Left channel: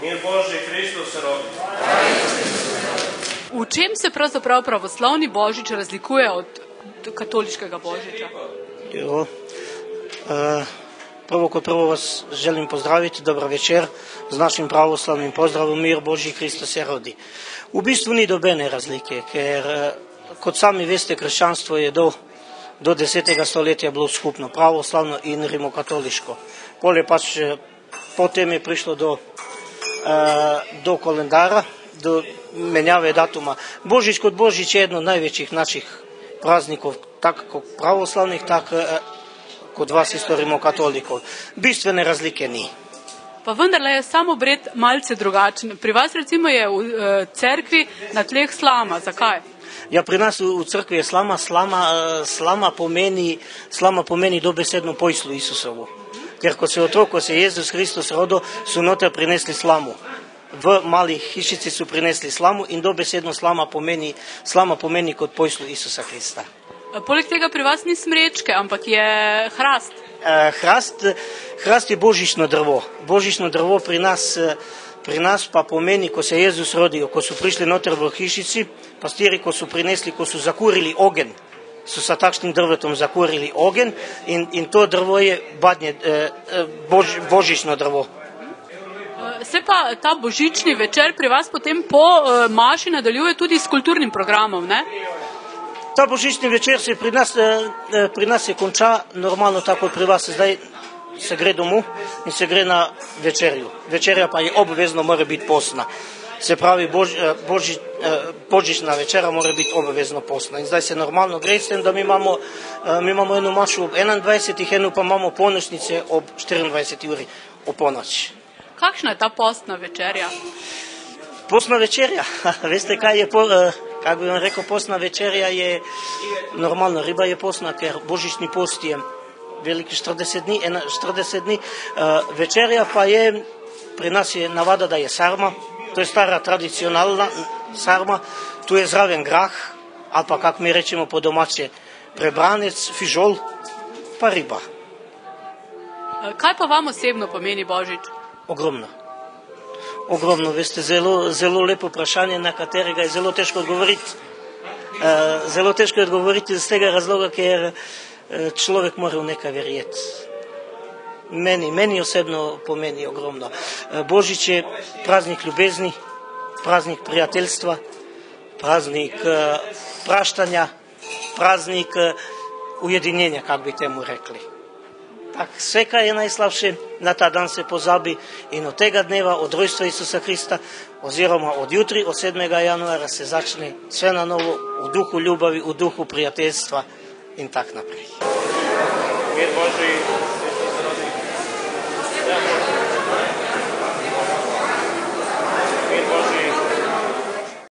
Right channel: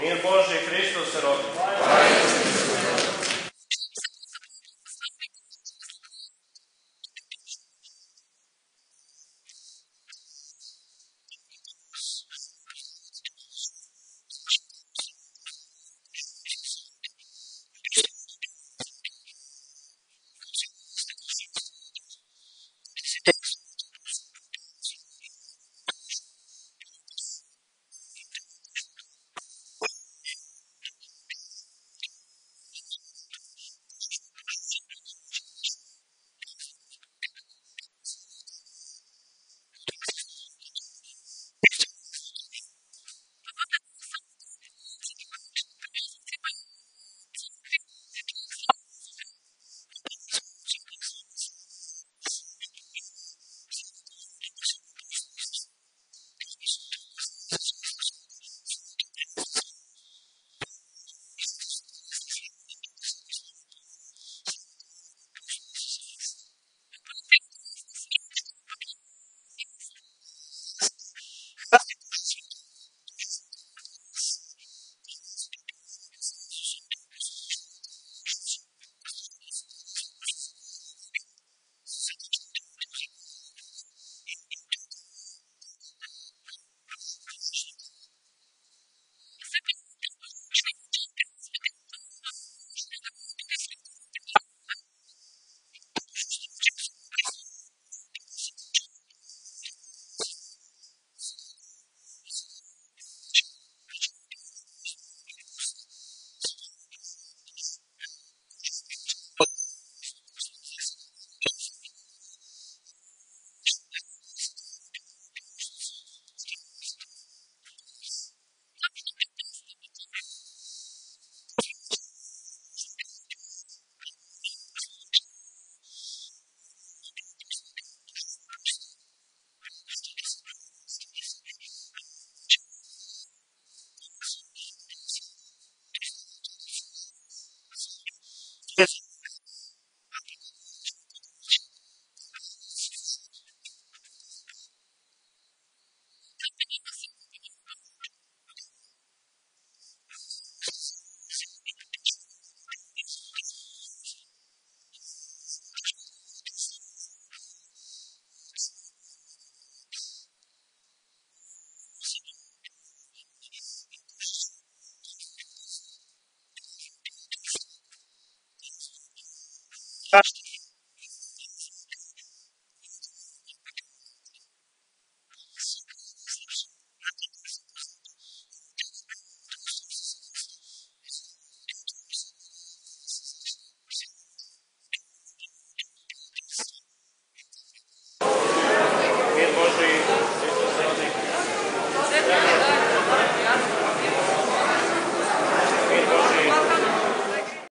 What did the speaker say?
Mir Božji, Kristus se rodi. V čem se pravzaprav pravoslavni Božič razlikuje od katoliškega Božiča? Prvo kot prvo vas želim pozdraviti, dober večer z našim pravoslavnim pozdravom, mir Božji, Kristus se rodi. V bistvu ni dobene razlike, ker kot sami veste, krščanstvo je do 10. stoletja bilo skupno, pravoslavno in rimokatoliško. Potem je prišlo do kalendara, do menjave datuma. Božič kot Božič je eno od največjih naših praznikov, tako pravoslavnih, tako kot vas isto rimokatolikov. Bistvene razlike ni. Pa vendarle je sam obred malce drugačen. Pri vas recimo je v cerkvi na tleh slama. Zakaj? Ja, pri nas v crkvi je slama. Slama pomeni dobesedno pojslu Isusovu. Ker ko se Jezus Kristus rodil, so noter prinesli slamu. V malih hišici so prinesli slamu in dobesedno slama pomeni kot pojslu Isusa Krista. Poleg tega pri vas ni smrečke, ampak je hrast. Hrast je božično drvo. Božično drvo pri nas pa pomeni, ko se Jezus rodil, ko so prišli noter v hišici, pastiri, ko so zakurili ogenj, so sa takšnim drvetom zakurili ogenj in to drvo je božično drvo. Se pa ta božični večer pri vas potem po maši nadaljuje tudi s kulturnim programom, ne? Ta božični večer se pri nas se konča normalno tako pri vas. Zdaj se gre domov in se gre na večerjo. Večerja pa je obvezno, mora biti postna. Se pravi, božična večera mora biti obvezno postna. In zdaj se normalno gre s tem, da mi imamo eno mašo ob 21. eno pa imamo polnočnice ob 24. uri o polnoči. Kakšna je ta postna večerja? Postna večerja? Veste, kaj je kako bi vam rekel, postna večerja je normalno, riba je postna, ker božični post je veliki 40 dni. Večerja pa je, pri nas je navada, da je sarma, to je stara tradicionalna sarma, tu je zraven grah, ali pa kako mi rečemo po domače, prebranec, fižol, pa riba. Kaj pa vam osebno pomeni Božič? Ogromno, veste, zelo lepo vprašanje, na katerega je zelo težko odgovoriti. Zelo težko je odgovoriti z tega razloga, ker človek mora v nekaj verjeti. Meni osebno pomeni ogromno. Božič je praznik ljubezni, praznik prijateljstva, praznik praštanja, praznik ujedinjenja, kako bi temu rekli. Tak, vse, kaj je najslabše, na ta dan se pozabi in od tega dneva, od rojstva Isusa Krista, oziroma od jutri, od 7. januara, se začne vse na novo v duhu ljubavi, v duhu prijateljstva in tak naprej. Mir Božji, Kristus se rodi.